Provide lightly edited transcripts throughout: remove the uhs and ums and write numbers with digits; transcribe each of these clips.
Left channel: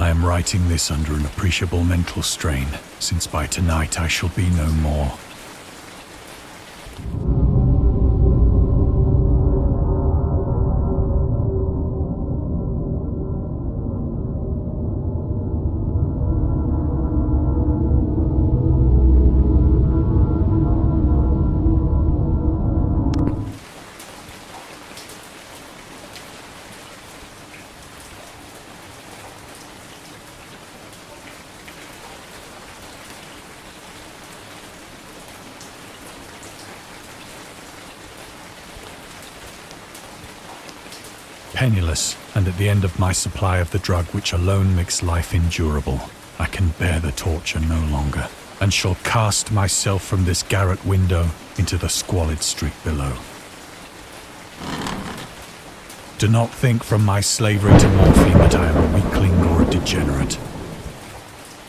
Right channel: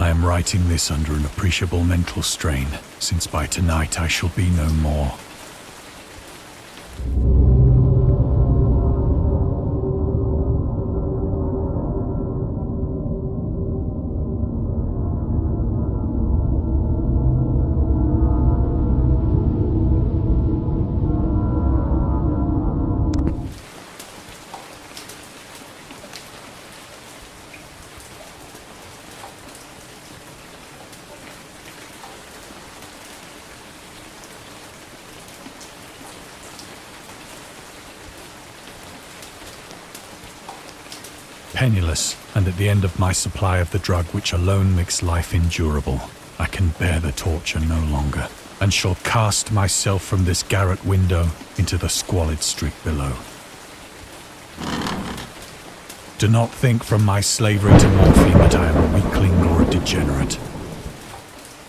I am writing this under an appreciable mental strain, since by tonight I shall be no more. Penniless, and at the end of my supply of the drug which alone makes life endurable, I can bear the torture no longer, and shall cast myself from this garret window into the squalid street below. Do not think from my slavery to morphine that I am a weakling or a degenerate.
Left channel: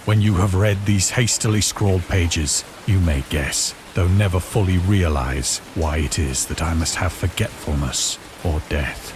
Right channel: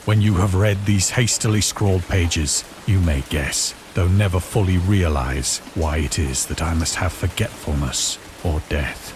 When you have read these hastily scrawled pages, you may guess, though never fully realize, why it is that I must have forgetfulness or death.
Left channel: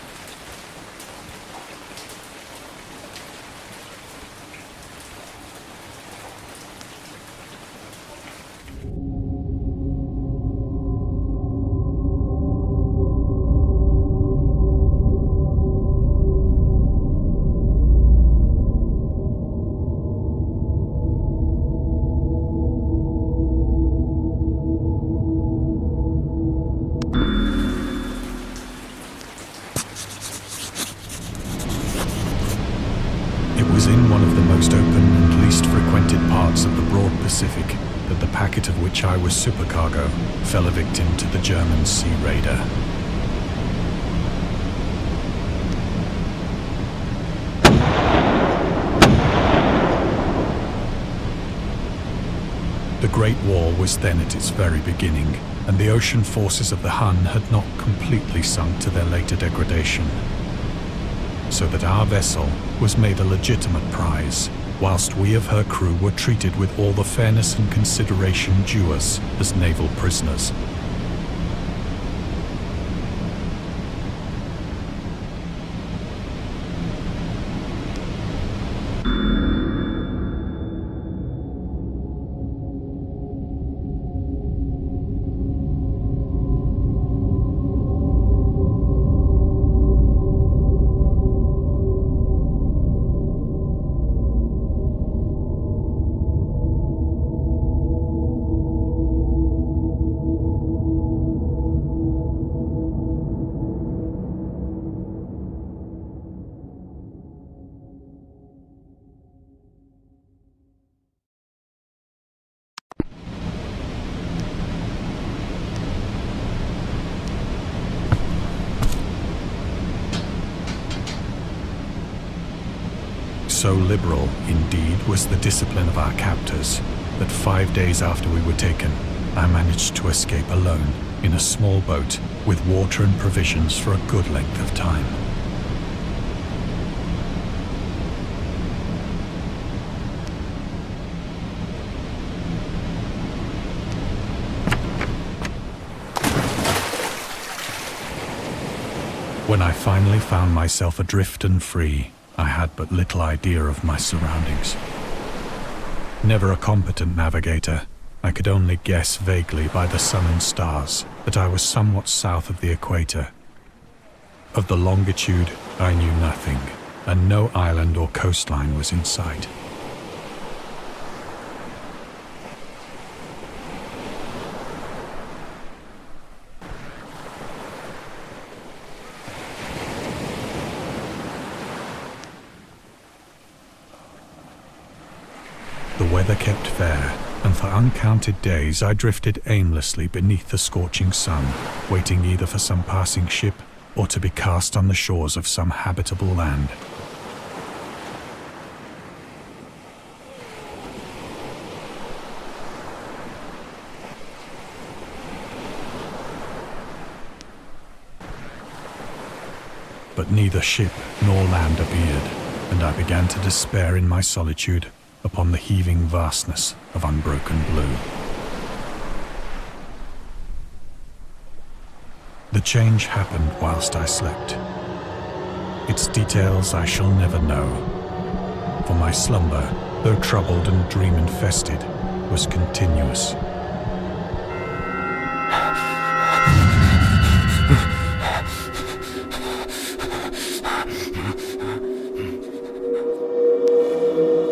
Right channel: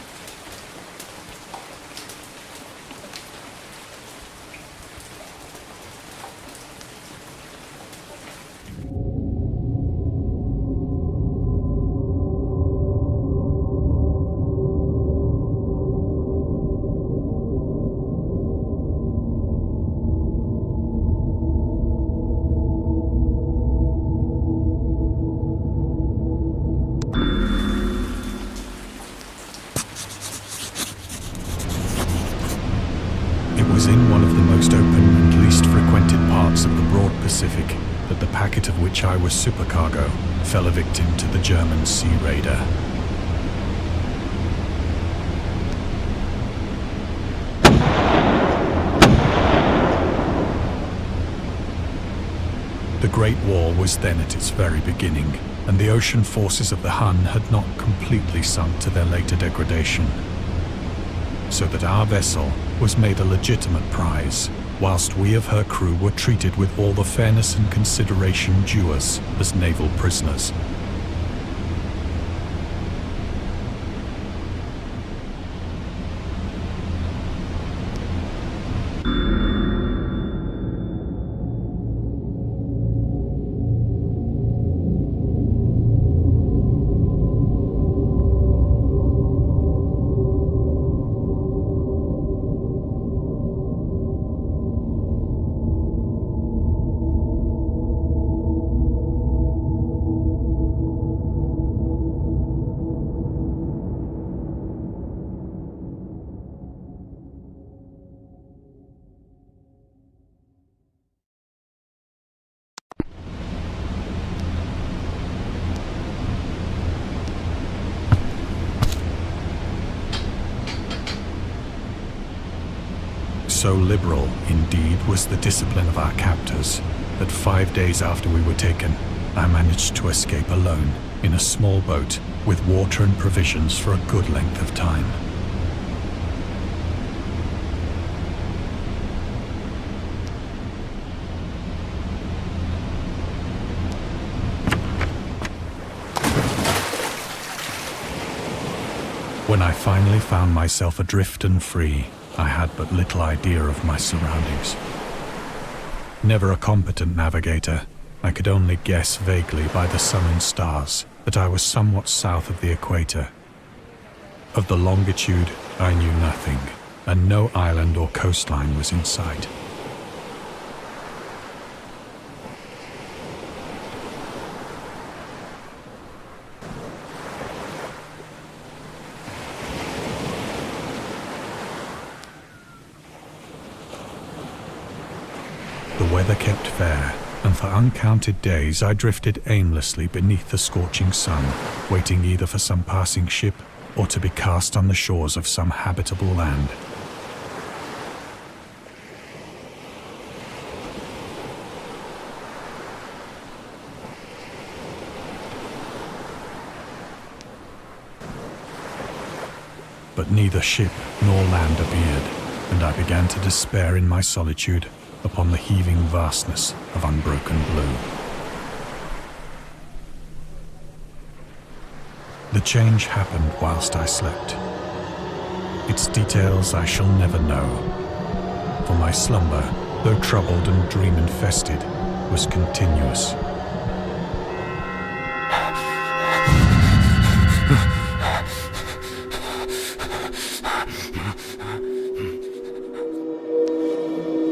It was in one of the most open and least frequented parts of the broad Pacific that the packet of which I was supercargo fell a victim to the German sea raider. The Great War was then at its very beginning, and the ocean forces of the Hun had not completely sunk to their later degradation, so that our vessel was made a legitimate prize, whilst we of her crew were treated with all the fairness and consideration due us as naval prisoners. So liberal, indeed, was the discipline of our captors, that 5 days after we were taken, I managed to escape alone in a small boat with water and provisions for a good length of time. When I finally found myself adrift and free, I had but little idea of my surroundings. Never a competent navigator, I could only guess vaguely by the sun and stars that I was somewhat south of the equator. Of the longitude, I knew nothing, and no island or coastline was in sight. The weather kept fair, and for uncounted days I drifted aimlessly beneath the scorching sun, waiting either for some passing ship or to be cast on the shores of some habitable land. But neither ship nor land appeared, and I began to despair in my solitude upon the heaving vastness of unbroken blue. The change happened whilst I slept. Its details I shall never know, for my slumber, though troubled and dream-infested, was continuous.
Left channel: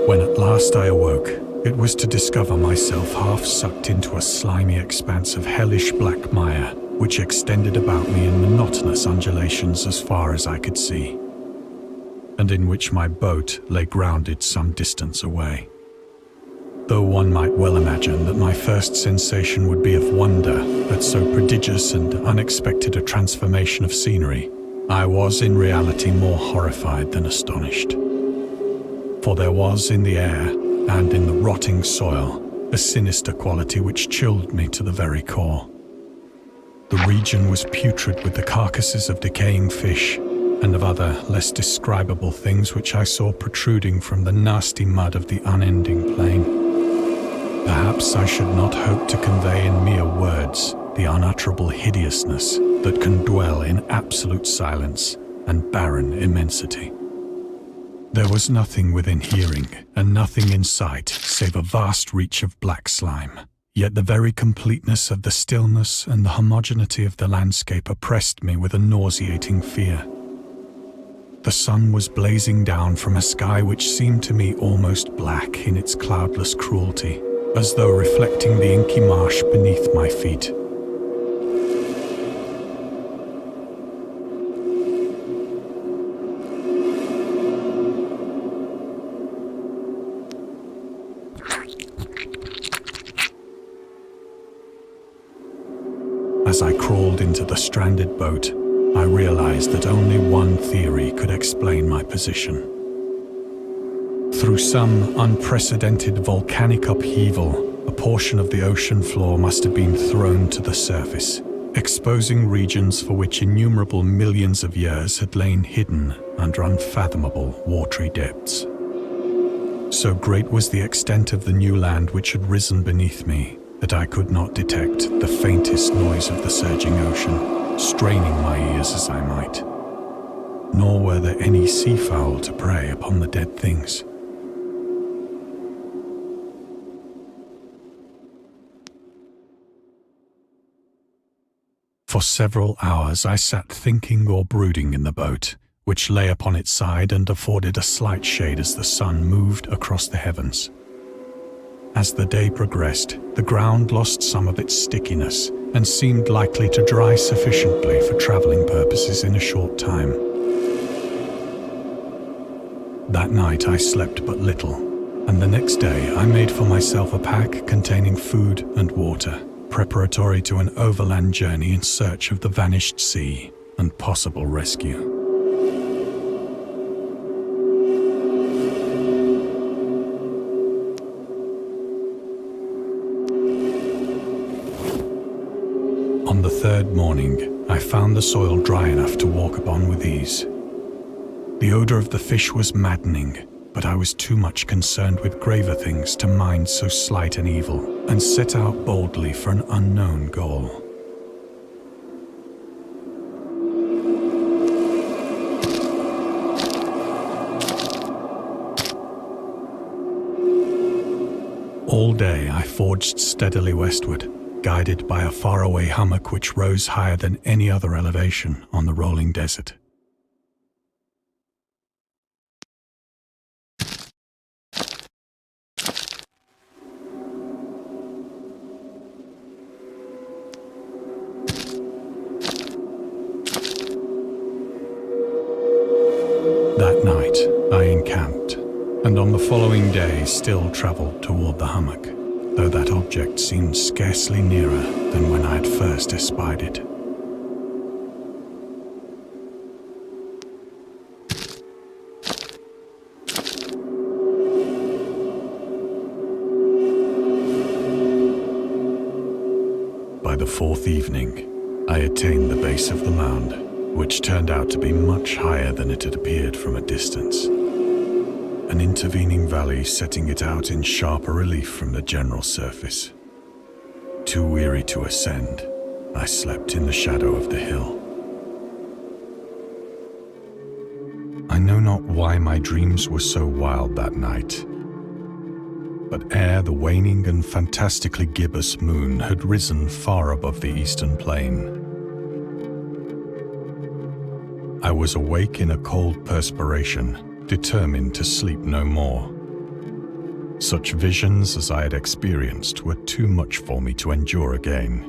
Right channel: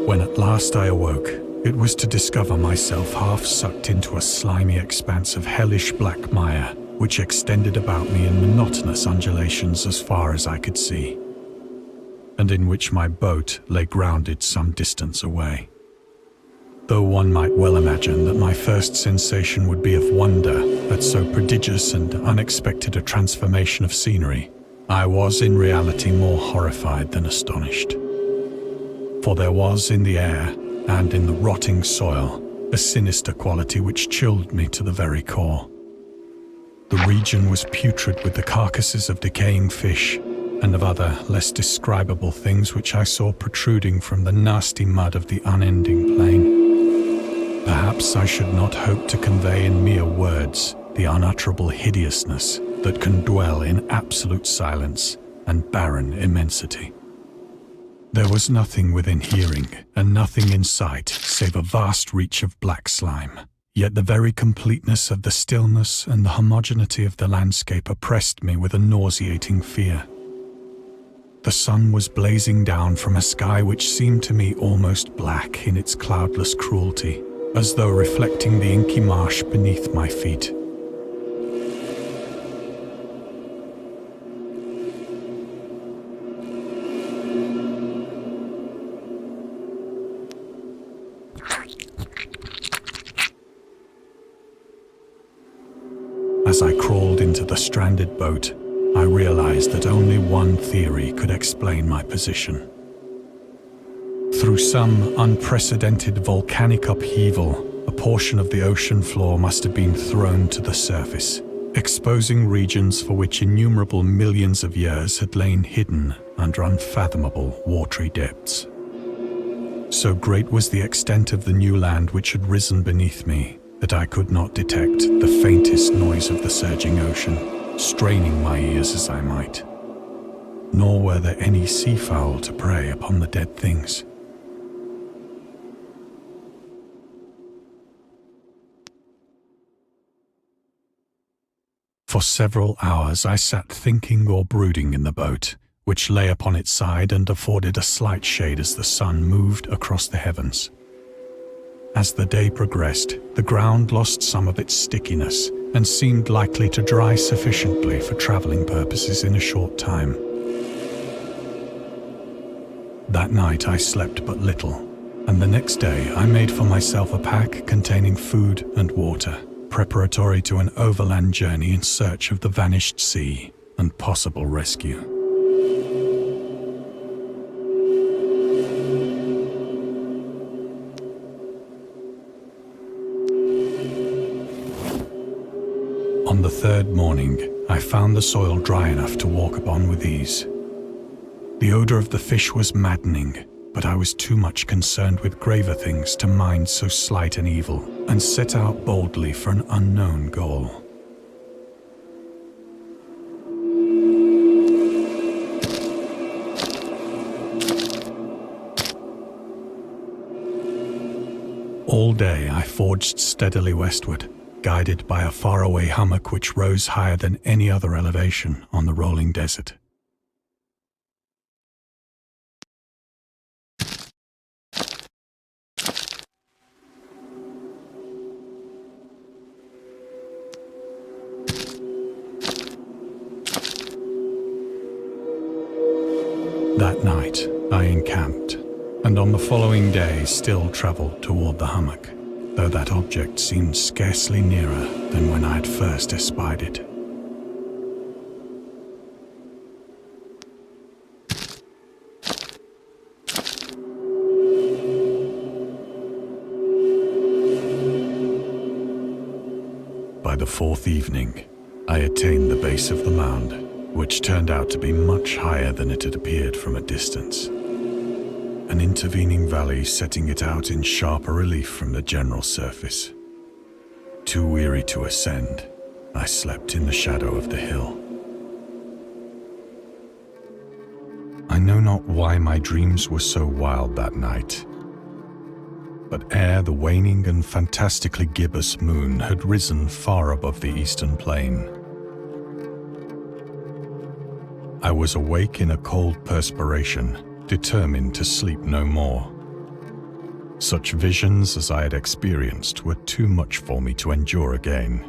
When at last I awoke, it was to discover myself half sucked into a slimy expanse of hellish black mire, which extended about me in monotonous undulations as far as I could see, and in which my boat lay grounded some distance away. Though one might well imagine that my first sensation would be of wonder at so prodigious and unexpected a transformation of scenery, I was in reality more horrified than astonished. For there was in the air and in the rotting soil a sinister quality which chilled me to the very core. The region was putrid with the carcasses of decaying fish and of other less describable things which I saw protruding from the nasty mud of the unending plain. Perhaps I should not hope to convey in mere words the unutterable hideousness that can dwell in absolute silence and barren immensity. There was nothing within hearing and nothing in sight save a vast reach of black slime. Yet the very completeness of the stillness and the homogeneity of the landscape oppressed me with a nauseating fear. The sun was blazing down from a sky which seemed to me almost black in its cloudless cruelty, as though reflecting the inky marsh beneath my feet. As I crawled into the stranded boat, I realized that only one theory could explain my position. Through some unprecedented volcanic upheaval, a portion of the ocean floor must have been thrown to the surface, exposing regions for which innumerable millions of years had lain hidden under unfathomable watery depths. So great was the extent of the new land which had risen beneath me that I could not detect the faintest noise of the surging ocean, straining my ears as I might. Nor were there any seafowl to prey upon the dead things. For several hours I sat thinking or brooding in the boat, which lay upon its side and afforded a slight shade as the sun moved across the heavens. As the day progressed, the ground lost some of its stickiness and seemed likely to dry sufficiently for traveling purposes in a short time. That night I slept but little, and the next day I made for myself a pack containing food and water, preparatory to an overland journey in search of the vanished sea and possible rescue. On the third morning, I found the soil dry enough to walk upon with ease. The odor of the fish was maddening, but I was too much concerned with graver things to mind so slight an evil, and set out boldly for an unknown goal. All day I forged steadily westward, guided by a faraway hummock which rose higher than any other elevation on the rolling desert. That night I encamped, and on the following day still travelled toward the hummock, though that object seemed scarcely nearer than when I had first espied it. By the fourth evening, I attained the base of the mound, which turned out to be much higher than it had appeared from a distance. An intervening valley setting it out in sharper relief from the general surface. Too weary to ascend, I slept in the shadow of the hill. I know not why my dreams were so wild that night, but ere the waning and fantastically gibbous moon had risen far above the eastern plain, I was awake in a cold perspiration, determined to sleep no more. Such visions as I had experienced were too much for me to endure again.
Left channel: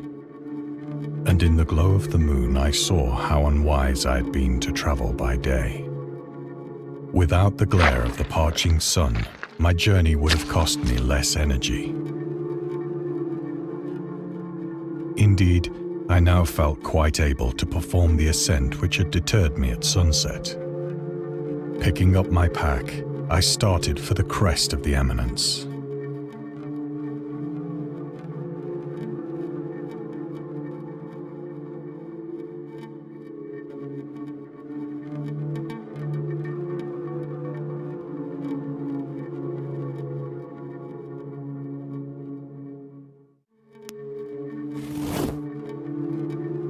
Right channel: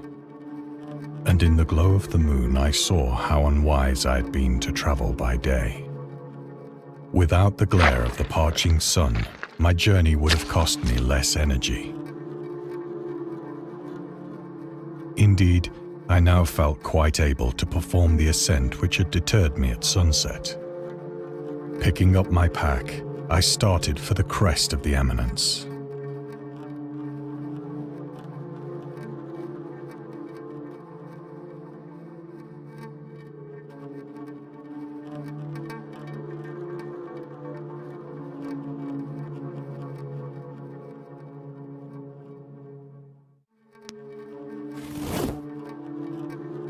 And in the glow of the moon I saw how unwise I had been to travel by day. Without the glare of the parching sun, my journey would have cost me less energy. Indeed, I now felt quite able to perform the ascent which had deterred me at sunset. Picking up my pack, I started for the crest of the eminence.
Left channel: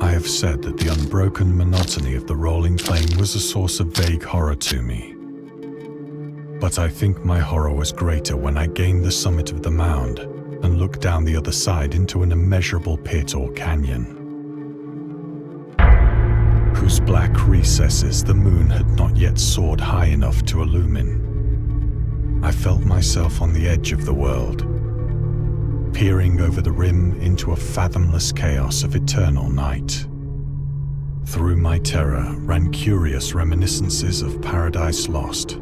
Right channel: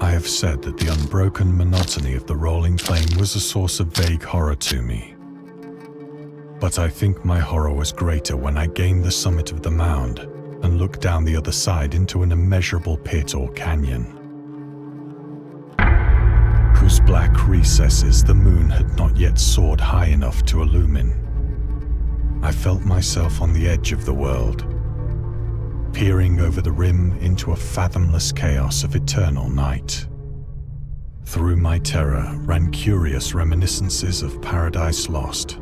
I have said that the unbroken monotony of the rolling plain was a source of vague horror to me. But I think my horror was greater when I gained the summit of the mound and looked down the other side into an immeasurable pit or canyon, whose black recesses the moon had not yet soared high enough to illumine. I felt myself on the edge of the world, peering over the rim into a fathomless chaos of eternal night. Through my terror ran curious reminiscences of Paradise Lost,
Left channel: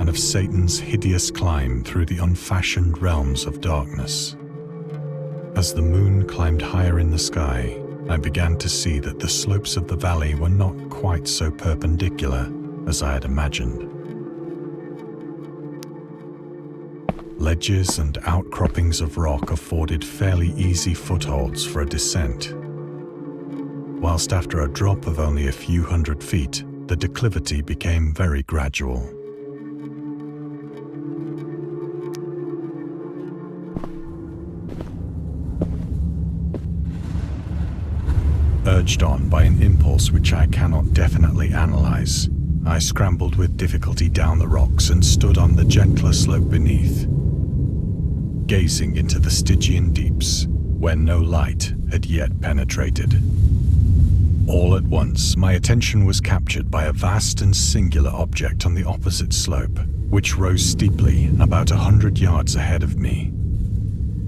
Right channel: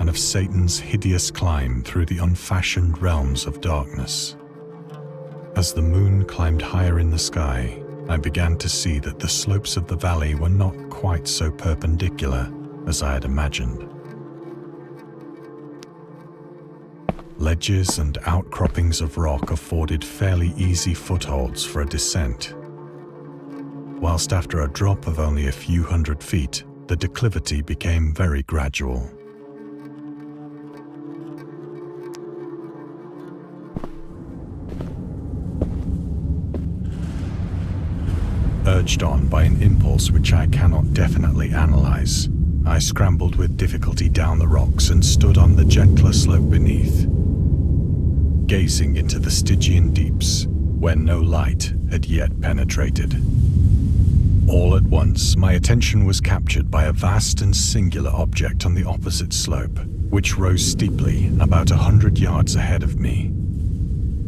and of Satan's hideous climb through the unfashioned realms of darkness. As the moon climbed higher in the sky, I began to see that the slopes of the valley were not quite so perpendicular as I had imagined. Ledges and outcroppings of rock afforded fairly easy footholds for a descent, whilst after a drop of only a few hundred feet, the declivity became very gradual. Urged on by an impulse which I cannot definitely analyze, I scrambled with difficulty down the rocks and stood on the gentler slope beneath, gazing into the Stygian deeps where no light had yet penetrated. All at once, my attention was captured by a vast and singular object on the opposite slope, which rose steeply about 100 yards ahead of me.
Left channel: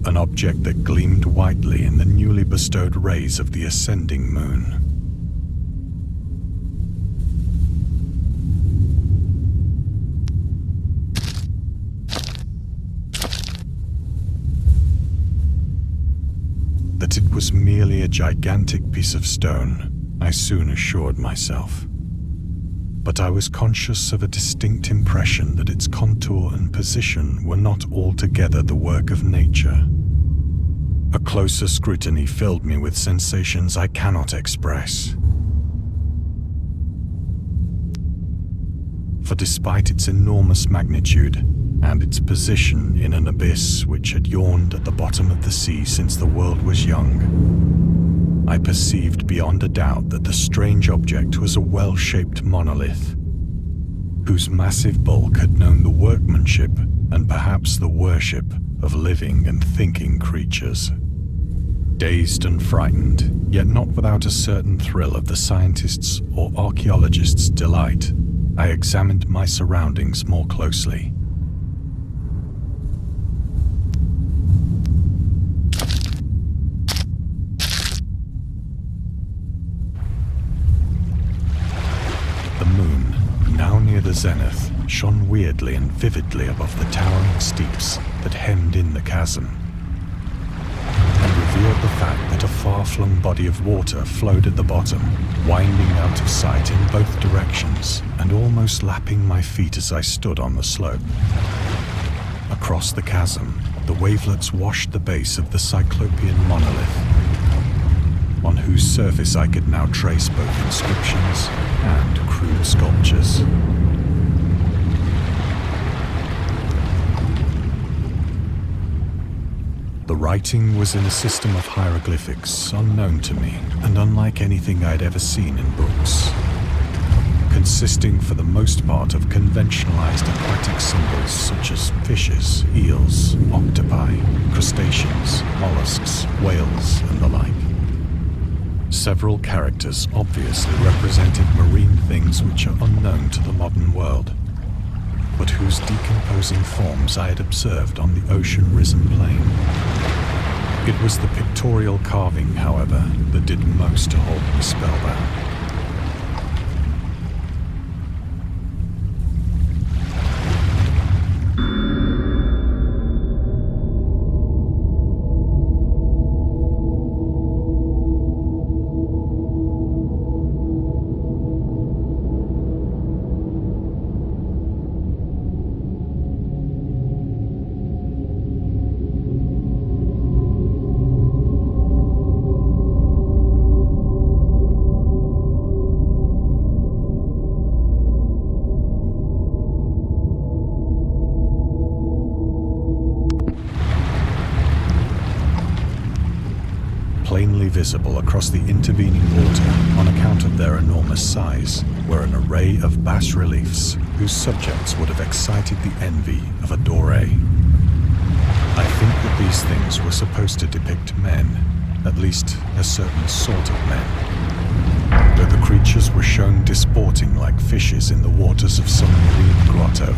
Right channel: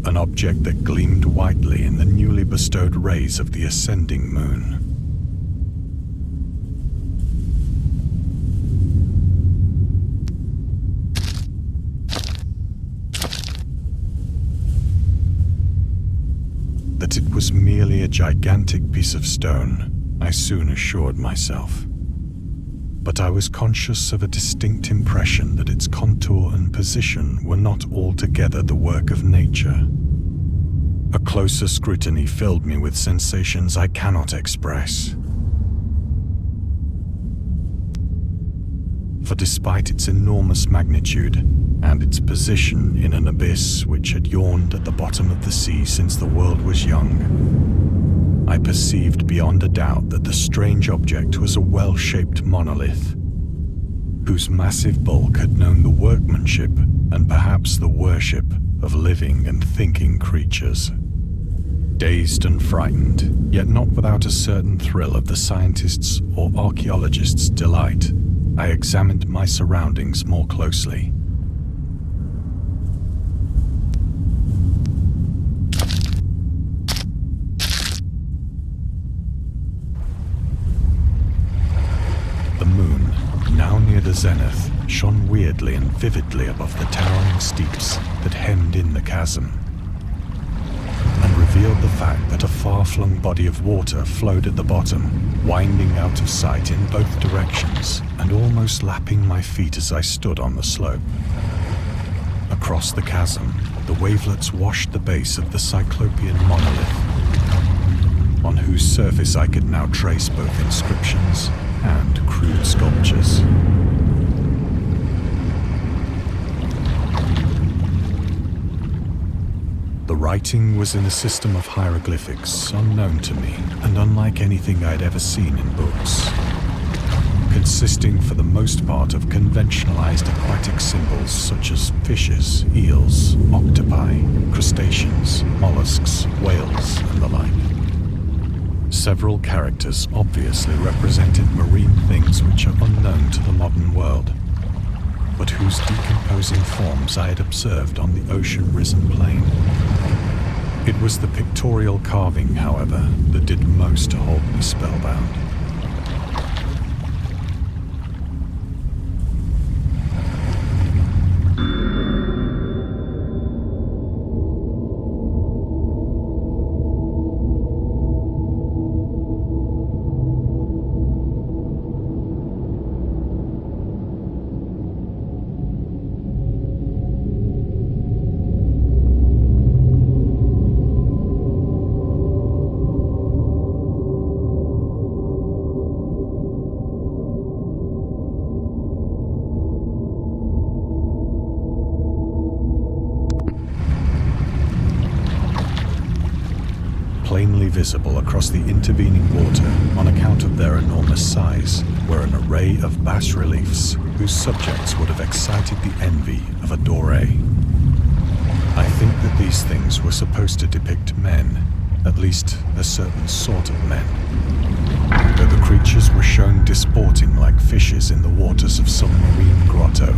An object that gleamed whitely in the newly bestowed rays of the ascending moon. That it was merely a gigantic piece of stone, I soon assured myself. But I was conscious of a distinct impression that its contour and position were not altogether the work of nature. A closer scrutiny filled me with sensations I cannot express. For despite its enormous magnitude and its position in an abyss which had yawned at the bottom of the sea since the world was young, I perceived beyond a doubt that the strange object was a well-shaped monolith, whose massive bulk had known the workmanship and perhaps the worship of living and thinking creatures. Dazed and frightened, yet not without a certain thrill of the scientist's or archaeologist's delight, I examined my surroundings more closely. The moon, now near the zenith, shone weirdly and vividly above the towering steeps that hemmed in the chasm, and revealed the fact that a far-flung body of water flowed at the bottom, winding out of sight in both directions and almost lapping my feet as I stood on the slope. Across the chasm, the wavelets washed the base of the Cyclopean monolith, on whose surface I could now trace both inscriptions and crude sculptures. The writing was in a system of hieroglyphics unknown to me and unlike anything I'd ever seen in books, consisting for the most part of conventionalized aquatic symbols such as fishes, eels, octopi, crustaceans, mollusks, whales, and the like. Several characters obviously represented marine things which are unknown to the modern world, but whose decomposing forms I had observed on the ocean-risen plain. It was the pictorial carving, however, that did most to hold me spellbound. Plainly visible across the intervening water on account of their enormous size were an array of bas-reliefs whose subjects would have excited the envy of a doré. I think that these things were supposed to depict men, at least a certain sort of men, though the creatures were shown disporting like fishes in the waters of some marine grotto,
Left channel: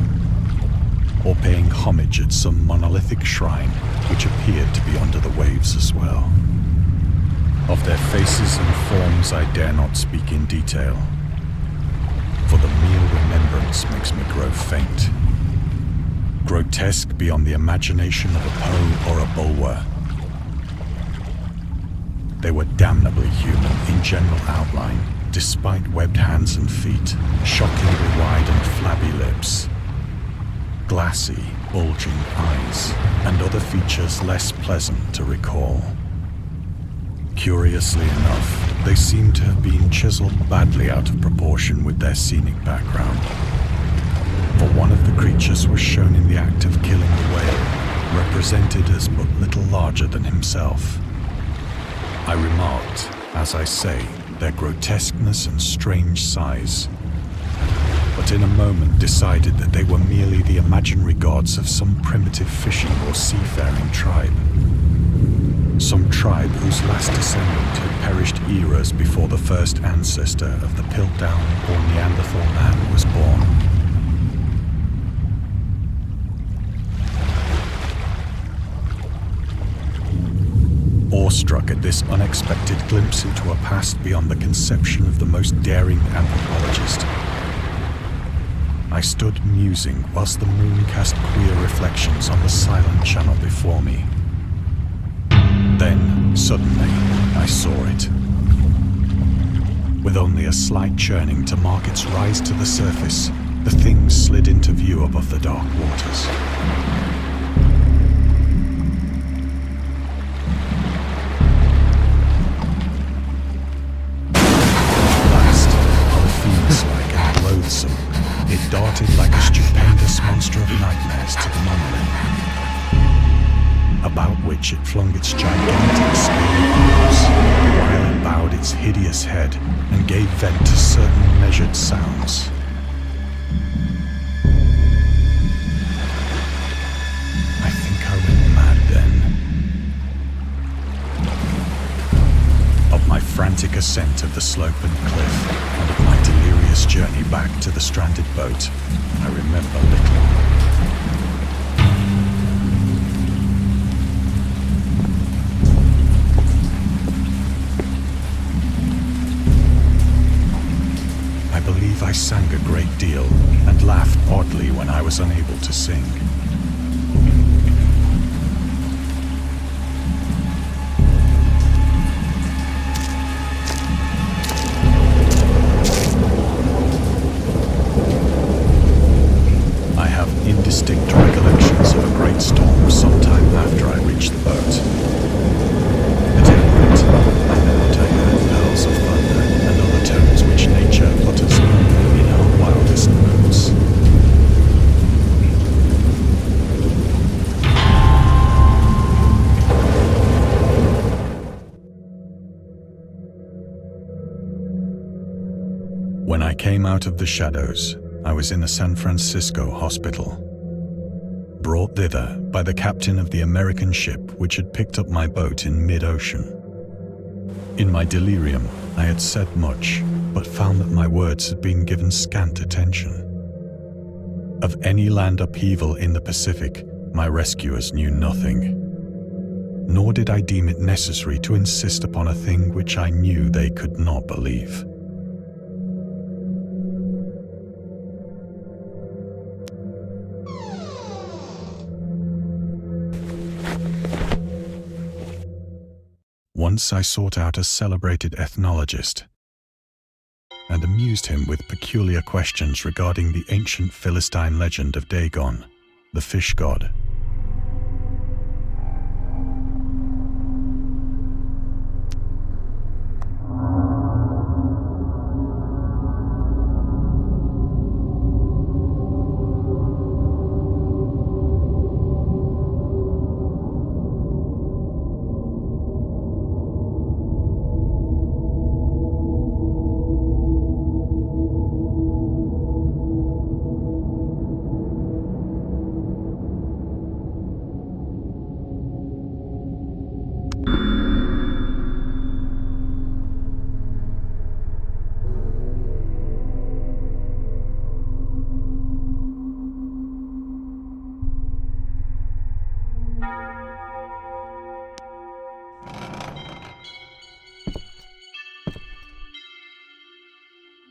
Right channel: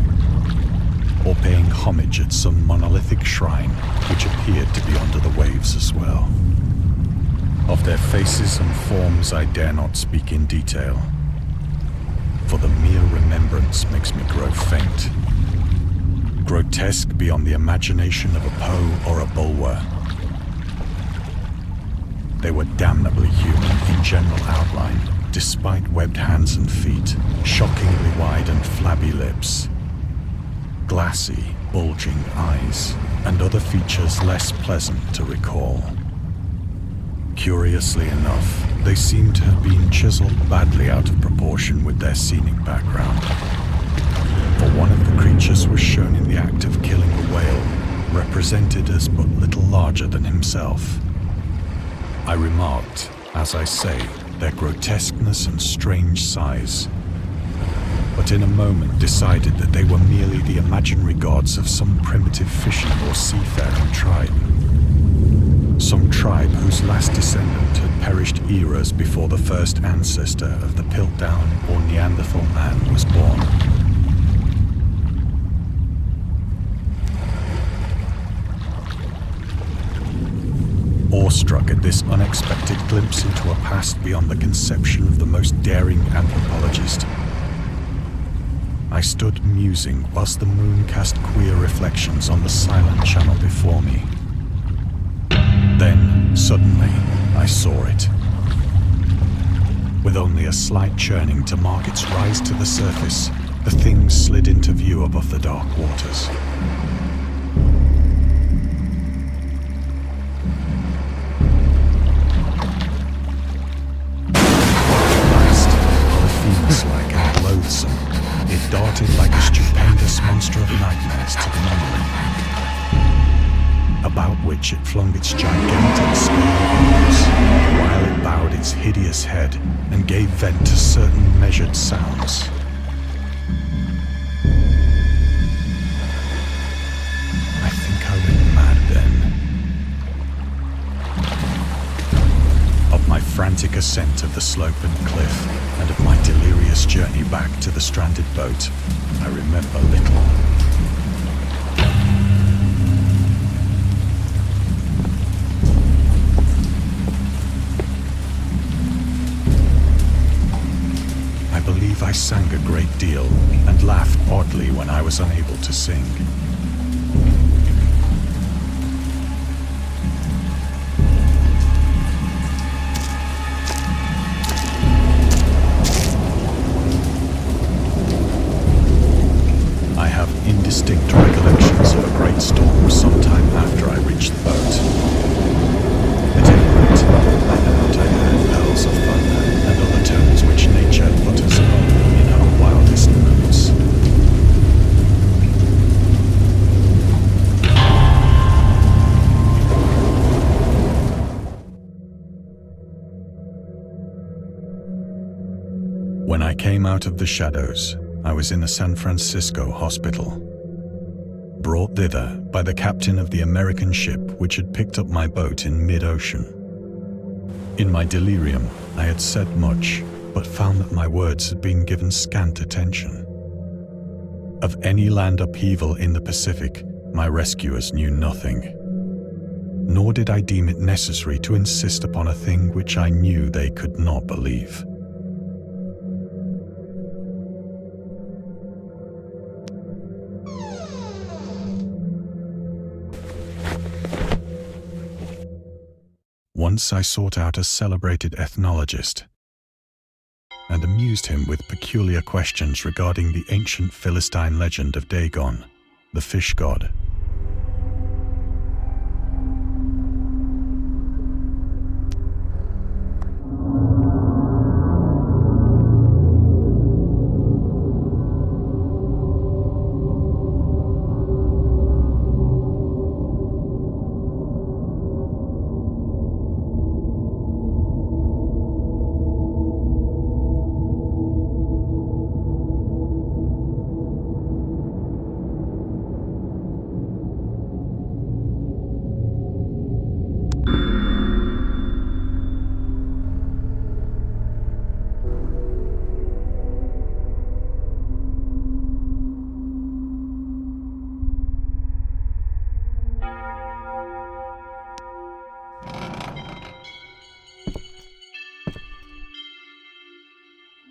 or paying homage at some monolithic shrine which appeared to be under the waves as well. Of their faces and forms I dare not speak in detail, for the mere remembrance makes me grow faint. Grotesque beyond the imagination of a Poe or a Bulwer. They were damnably human in general outline, despite webbed hands and feet, shockingly wide and flabby lips, glassy, bulging eyes, and other features less pleasant to recall. Curiously enough, they seem to have been chiseled badly out of proportion with their scenic background. For one of the creatures was shown in the act of killing a whale, represented as but little larger than himself. I remarked, as I say, their grotesqueness and strange size, but in a moment decided that they were merely the imaginary gods of some primitive fishing or seafaring tribe. Some tribe whose last descendant had perished eras before the first ancestor of the Piltdown or Neanderthal man was born. Awestruck at this unexpected glimpse into a past beyond the conception of the most daring anthropologist, I stood musing whilst the moon cast queer reflections on the silent channel before me. Then, suddenly, I saw it. With only a slight churning to mark its rise to the surface, the thing slid into view above the dark waters. Vast, Polyphemus-like and loathsome, it darted like a stupendous monster of nightmares to the monolith, about which it flung its gigantic scaly arms, while it bowed its hideous head and gave vent to certain measured sounds. I think I went mad then. Of my frantic ascent of the slope and cliff, and of my delirious journey back to the stranded boat, I remember little. I sang a great deal and laughed oddly when I was unable to sing. I have indistinct recollections of a great storm sometime after I reached the boat. At any rate, I know that I heard pearls of thunder and other tones which nature utters only in her wildest moods. When I came out of the shadows, I was in a San Francisco hospital, brought thither by the captain of the American ship which had picked up my boat in mid-ocean. In my delirium, I had said much, but found that my words had been given scant attention. Of any land upheaval in the Pacific, my rescuers knew nothing, nor did I deem it necessary to insist upon a thing which I knew they could not believe. Once I sought out a celebrated ethnologist and amused him with peculiar questions regarding the ancient Philistine legend of Dagon, the fish god.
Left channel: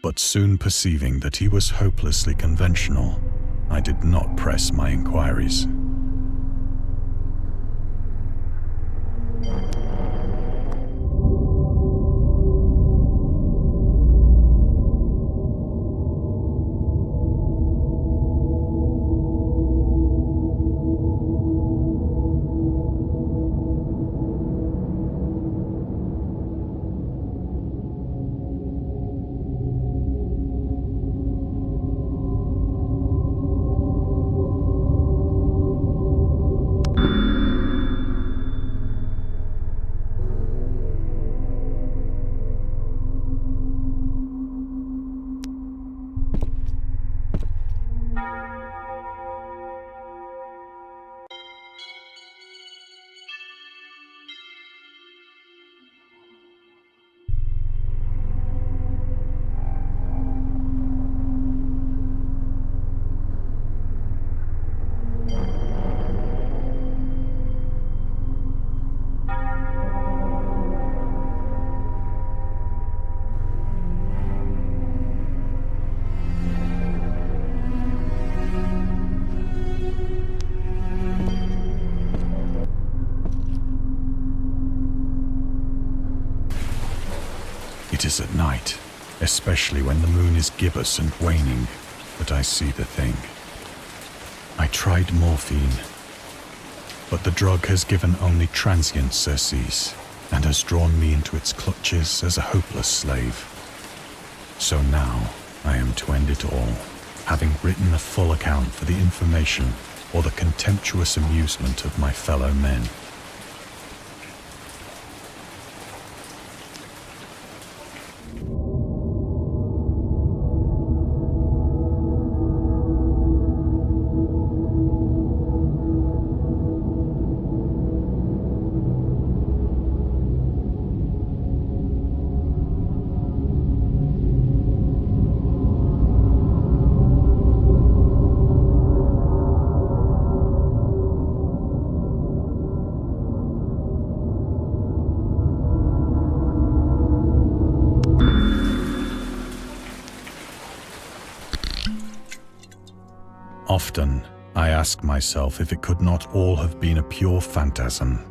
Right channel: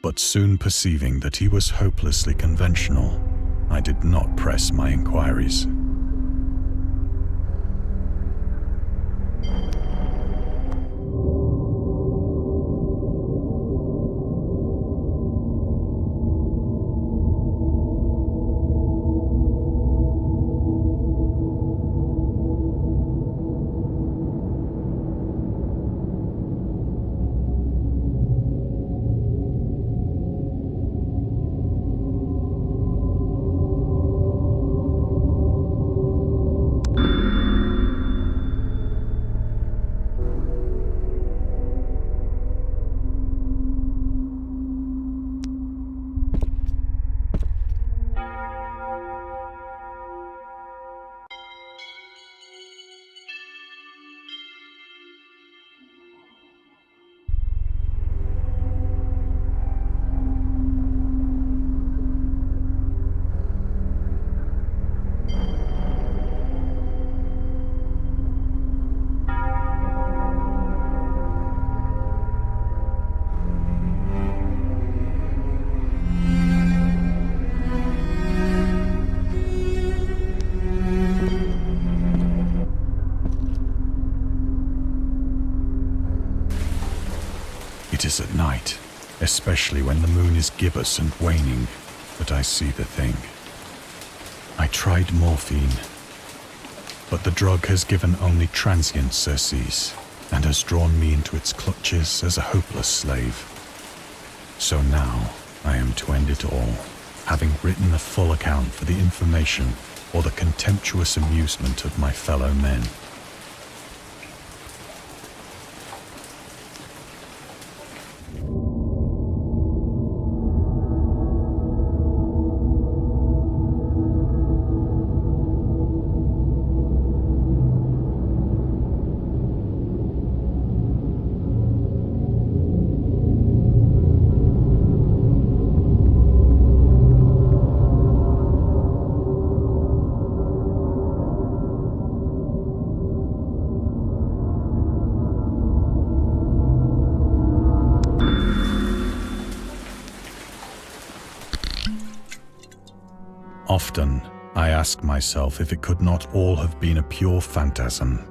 But soon perceiving that he was hopelessly conventional, I did not press my inquiries. It is at night, especially when the moon is gibbous and waning, that I see the thing. I tried morphine, but the drug has given only transient surcease and has drawn me into its clutches as a hopeless slave. So now I am to end it all, having written a full account for the information or the contemptuous amusement of my fellow men. Often, I ask myself if it could not all have been a pure phantasm,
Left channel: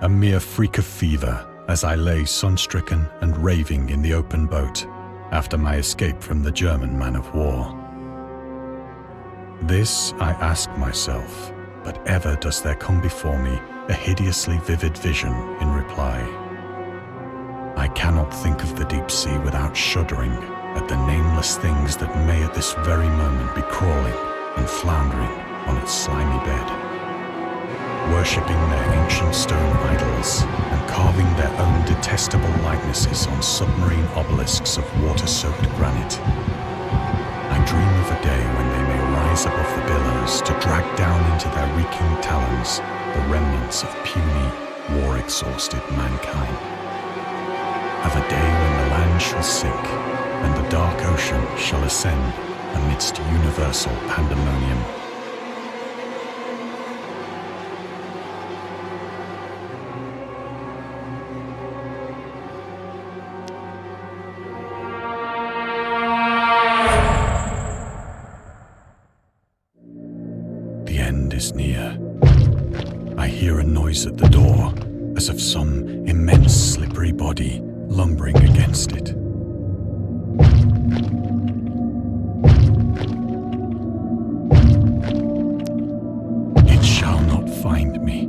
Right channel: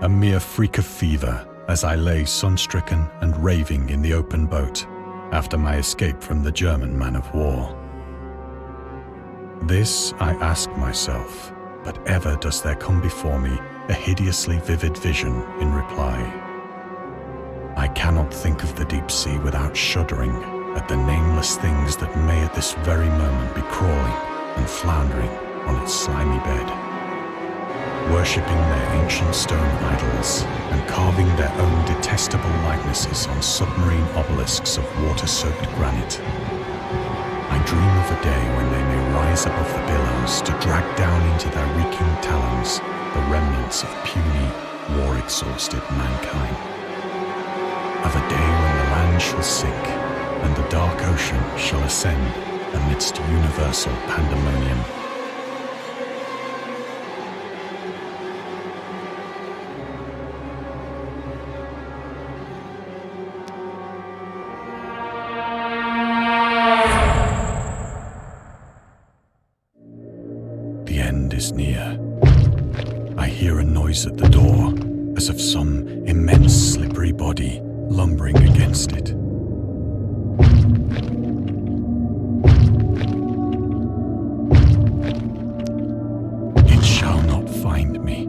a mere freak of fever as I lay sun-stricken and raving in the open boat after my escape from the German man-of-war. This I ask myself, but ever does there come before me a hideously vivid vision in reply. I cannot think of the deep sea without shuddering at the nameless things that may at this very moment be crawling and floundering on its slimy bed. worshipping their ancient stone idols and carving their own detestable likenesses on submarine obelisks of water-soaked granite. I dream of a day when they may rise above the billows to drag down into their reeking talons the remnants of puny, war-exhausted mankind. Of a day when the land shall sink and the dark ocean shall ascend amidst universal pandemonium. The end is near. I hear a noise at the door, as of some immense slippery body lumbering against it. It shall not find me.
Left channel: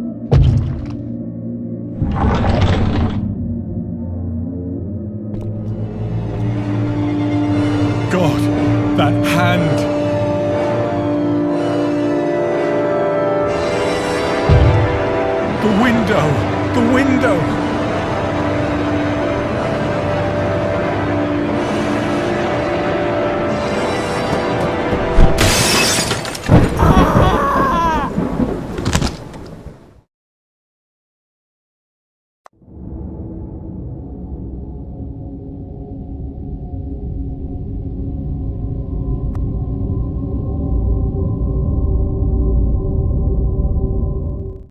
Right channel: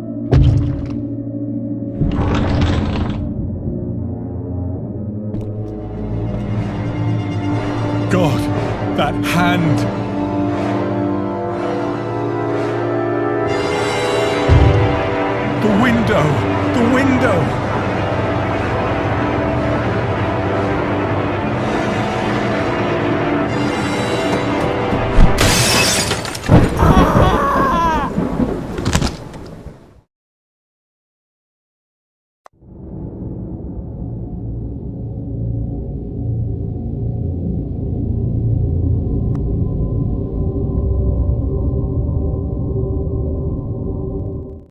God, that hand! The window! The window!